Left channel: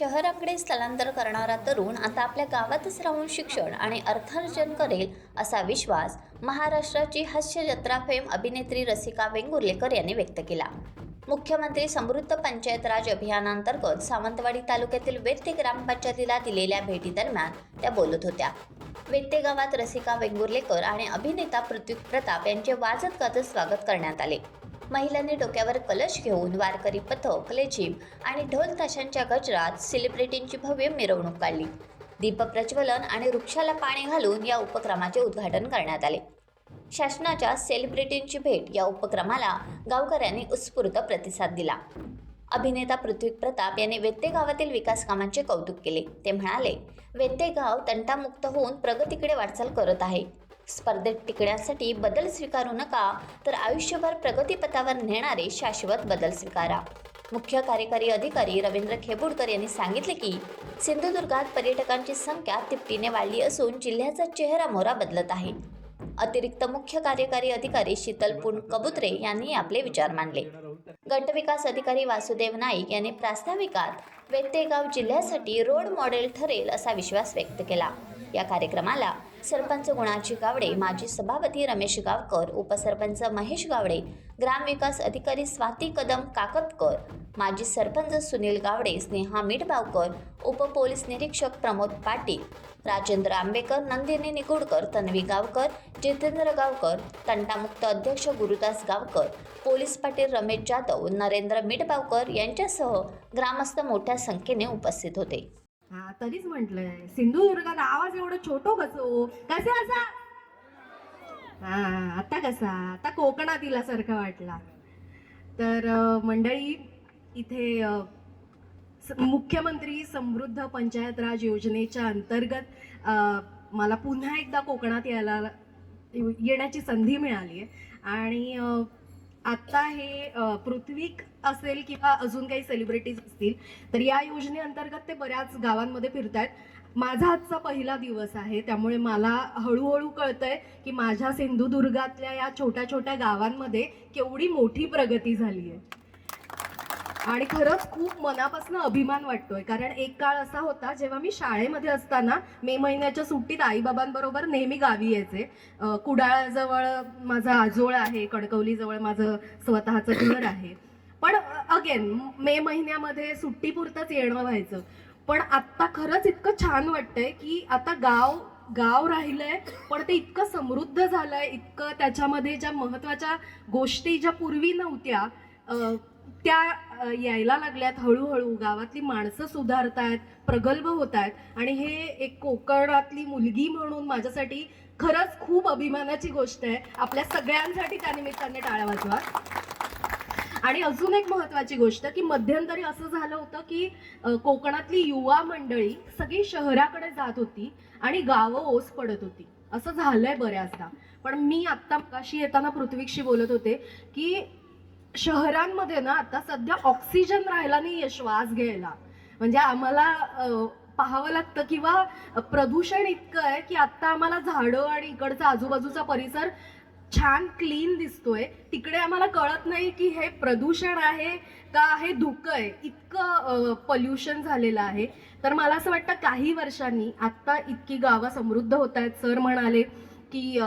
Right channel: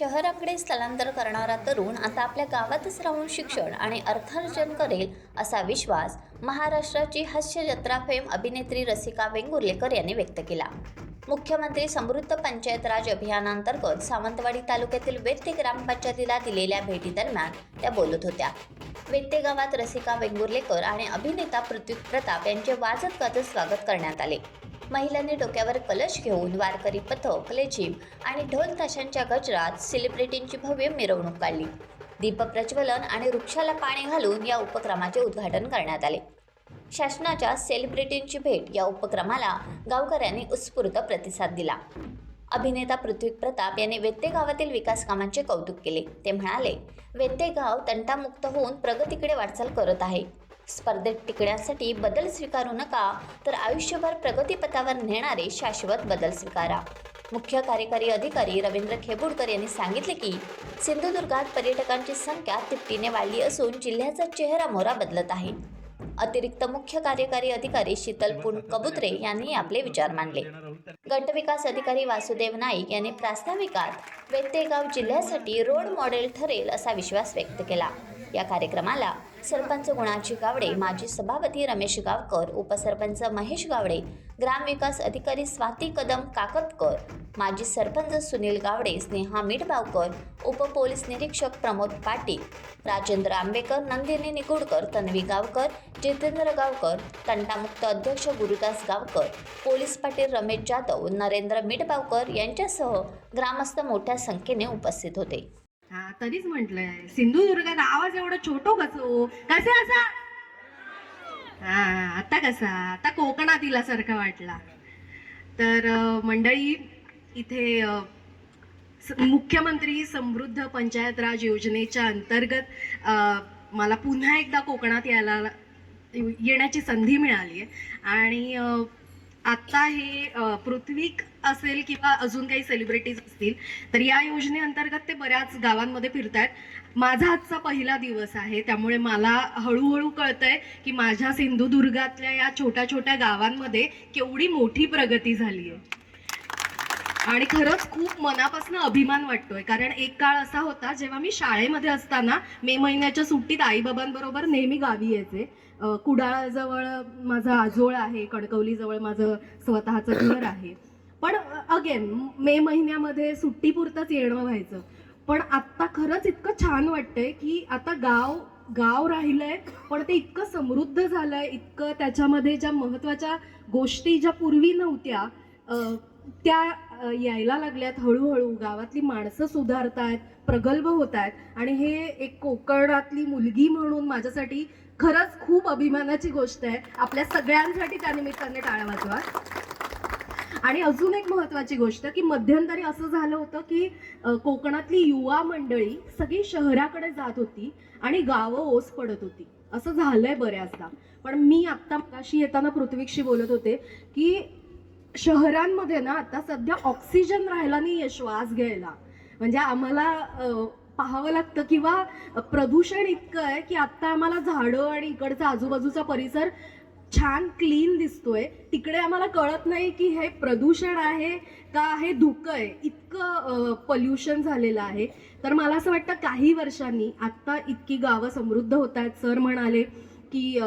शहराकडे स्थलांतर करणारा तरुण आता आपल्या गावातच राहून शिक्षण आणि अर्थार्जन करेल असा विश्वास महाराष्ट्राची हास्यजत्रा फेम अभिनेत्री रसिका वेंगुर्लेकर यांनी व्यक्त केला. मुख्यमंत्री समृद्ध पंचायत राज अभियानांतर्गत सावंतवाडी तालुक्यातील वेत्ते ग्रामपंचायतीला दिलेल्या भेटीदरम्यान त्या बोलत होत्या. वेत्ते गावात रसिका वेंगुर्लेकर आणि अभिनेता पृथ्वी प्रताप यांचे वाजत गाजत स्वागत करण्यात आले. महिलांनी डोक्यावर कलश घेऊन वारकरी पथक, लेझीम आणि ढोल ताशांच्या गजरात सेलिब्रिटींची भव्य मिरवणूक काढली. दीपप्रज्वलन आणि वृक्षाला पाणी घालून या उपक्रमाचे उद्घाटन करण्यात आले. शासनाच्या सेलिब्रिटींची भेट या उपक्रमाला गावकऱ्यांनी उत्स्फूर्त प्रतिसाद दिला. अभिनेता पृथ्वी प्रताप यांनी वेत्ते गावातील विकास कामांचे कौतुक केले. ते म्हणाले, वेत्ते गाव तंटामुक्त होऊन प्रगतीकडे वाटचाल करत आहे. स्पर्धेत टिकण्यासाठी बदल स्वीकारू नका, तर आयुष्यभर प्रगतीपथावर नेणारे शाश्वत बदल स्वीकारा. मुख्य कार्यकारी अधिकारी रवींद्र खेबुडकर यांनी सांगितले की सिंधुदुर्गात पर्यटकांची संख्या तिपटीने वाढली असून जिल्ह्याचा चेहरामोहरा बदलत आहे. अतिरिक्त मुख्य कार्यकारी अधिकारी शीतल कबुत्रे यांनी आपले विचार मांडले. गटविकास अधिकारी वासुदेव नाईक यांनी प्रास्ताविकात वेत्ते गाव जिल्ह्यासाठी रोड मॉडेल ठरेल असा विश्वास व्यक्त केला. या कार्यक्रमाला सरपंच गुणाजी गावडे, माजी सभापती रमेश गावकर, उपसरपंच महेश गावडे, ग्रामविकास अधिकारी स्वाती कदम काकतकर, माजी सरपंच सुनील गावडे, स्नेहा मिठबावकर, उपपोलीस निरीक्षक प्रमोद पाटील, राजेंद्र आंबेकर, नंदिनी निगुडकर, तन्वी गावकर, जितेंद्र गावकर, तंटामुक्त अध्यक्ष गुरुदास गावकर, पोलीस पाटील रमेश जाधव, नरेंद्र मिठबावकर यांच्यासह ग्रामस्थ मोठ्या संख्येने उपस्थित होते. तरीच म्हटलंय सिंधुदुर्गात आवाज एवढं छोटो कसो कसे असा आता कसा आता कोकणात इल्यासारखा वाटला. तर मंडळी, इथे मुख्यमंत्री समृद्ध पंचायत राज योजनेच्या अंतर्गत मला पुन्हा एकदा कोकणात येण्याची संधी मिळाली आहे. आणि आता हे पृथ्वीक असेल किंवा अजून काही सेलिब्रिटीज असतील तर या योजनेअंतर्गत ते बऱ्याच गावांमध्ये फिरतायत. माझा आजचा पहिला दिवस आहे, त्यामुळे मला हळूहळू कळतंय की माझ्या सिंधुदुर्गातल्या या छोट्या छोट्या गावांमध्ये केवढी मोठी प्रगती झाली आहे. आणि खरंच खूप मनापासून अभिमान वाटतोय, कारण एक काळ असा होता जेव्हा मी शाळेमध्ये असताना मे महिन्याच्या सुट्टीत आईबाबांबरोबर नेहमी गावी यायचे. कुडाळजवळ माझं आजोळ आहे, कणकवलीजवळ माझं स्वतःचं घर आहे. पण अगेन मे महिन्यामध्ये सुट्टीपुरतंच येणं व्हायचं. पण आत्ता खरंच इतकं छान वाटतंय की आता गाव राहिलंय, पण ते इतकं समृद्ध झालंय, इतकं त्याच्यामध्ये ज्या महत्त्वाच्या गोष्टी ज्या पूर्वी नव्हत्या त्या यायला लागल्यात. हळूहळू गावातली माणसं सुधारतायत, प्रगल्भ होत आहेत. आणि हे एक कोकणातली मुलगी म्हणून माझ्यासाठी खरंच खूप अभिमानाची गोष्ट आहे. आपल्या सगळ्यांसाठी त्यानिमित्ताने टाळ्या वाजवा. आणि अजून एक महत्त्वाची गोष्ट की मध्यंतरी असं झालं होतं की कोकणातली युवा मंडळी सगळी शहराकडे जात होती आणि गावं ओस पडत होती. असं झालंय बऱ्याचदा. पण मी आत्ता मगाशी येताना पृथ्वीशी बोलत होते की शहरांमध्ये ना आता सध्या ऑक्सिजन राहिला नाहीये श्वास घ्यायला. म्हणजे आम्हाला पाहावं लागतं किंवा प्रदूषण इतकं आहे की आता आम्हाला झाडं आणि इकडचा आजूबाजूचा परिसर छान क्लीन दिसतोय, तिकडे आम्हाला कळत नाही की हे प्रदूषण आहे का हे धुकं आहे. इतकं पोल्युशन झालेलं आहे. तर मला असं वाटतं काही वर्षांनी आता इतकी गावं समृद्ध होत आहेत. सर म्हणाले की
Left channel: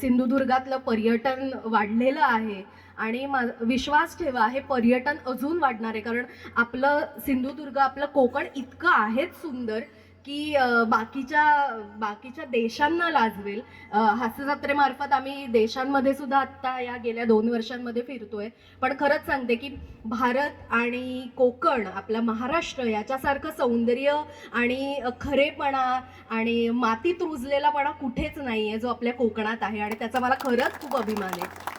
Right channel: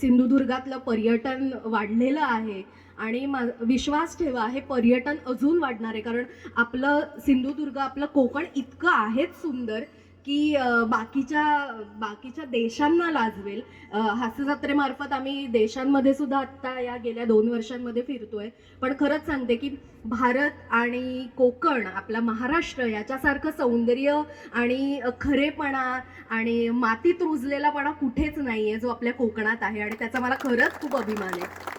सिंधुदुर्गातलं पर्यटन वाढलेलं आहे आणि विश्वास ठेवा हे पर्यटन अजून वाढणार आहे. कारण आपलं सिंधुदुर्ग, आपलं कोकण इतकं आहेच सुंदर की बाकीच्या देशांना लाजवेल. हास्यजत्रेमार्फत आम्ही देशांमध्ये सुद्धा आत्ता या गेल्या 2 वर्षांमध्ये फिरतोय. पण खरंच सांगते की भारत आणि कोकण, आपला महाराष्ट्र याच्यासारखं सौंदर्य आणि खरेपणा आणि मातीत रुजलेलापणा कुठेच नाही आहे जो आपल्या कोकणात आहे. आणि त्याचा मला खरंच खूप अभिमान आहे.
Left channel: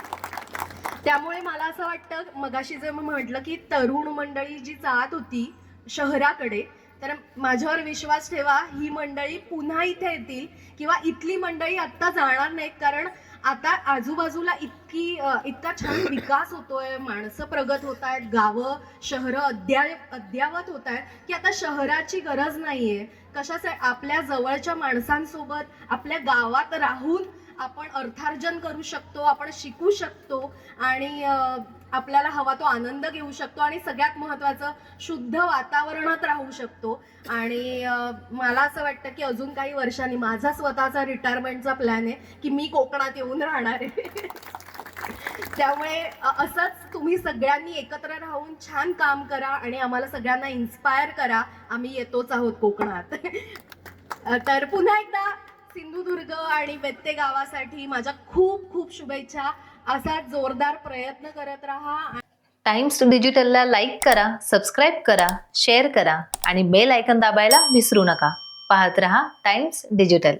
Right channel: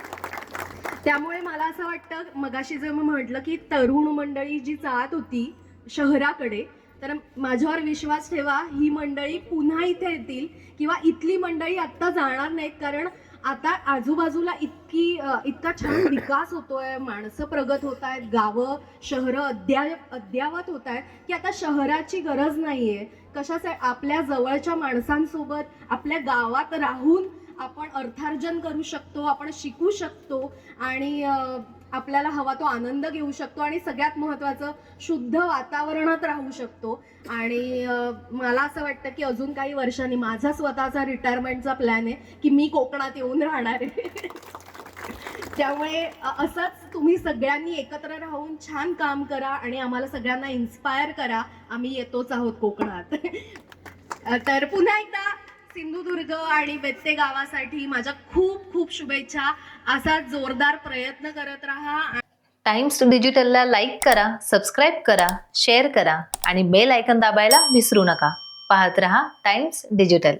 त्यामुळे मला असं वाटतं, मगाशी जे मी म्हटलं की तरुण मंडळी जी जात होती शहराकडे, तर माझ्यावर विश्वास ठेवा ही मंडळी पुन्हा इथे येतील किंवा इथली मंडळी आत्ता जाणार नाहीत. कारण आता आजूबाजूला इतका छान विकास होतोय, माणसं प्रगत होत आहेत, गावं शहरं अद्यावत होत आहेत की आता शहराची गरज नाहीये. कशासाठी आपल्या जवळच्या माणसांसोबत आपल्या गावात राहून आपण अर्थार्जन करू शकतो, आपण शिकू शकतो आणि आपल्याला हवा तो आनंद घेऊ शकतो आणि सगळ्यात महत्त्वाचं शुद्ध वातावरणात राहू शकतो. आणि मला असं वाटतं की अजून काही वर्षांनी माझा स्वतःचा रिटायरमेंटचा प्लॅन आहे की मी कोकणात येऊन राहणार आहे. त्यामुळे असंच तुम्ही सगळ्यांनी एकत्र राहून छान काम करा आणि आम्हाला सगळ्यांना इन्स्पायर करा. आम्ही येतोच आहोत कोकणात. तर पुन्हा एकदा सिंधुदुर्ग आणि बेत्ते गावासाठी माझ्या खूप खूप शुभेच्छा. असा जोरदार प्रयत्न करत राहा. टाइम्स डिजिटलला लाईक करा, सबस्क्राईब करा, शेअर करा आणि बेल आयकॉन दाबायला विसरू नका. पाहत रहा टाइम्स डिजिटल.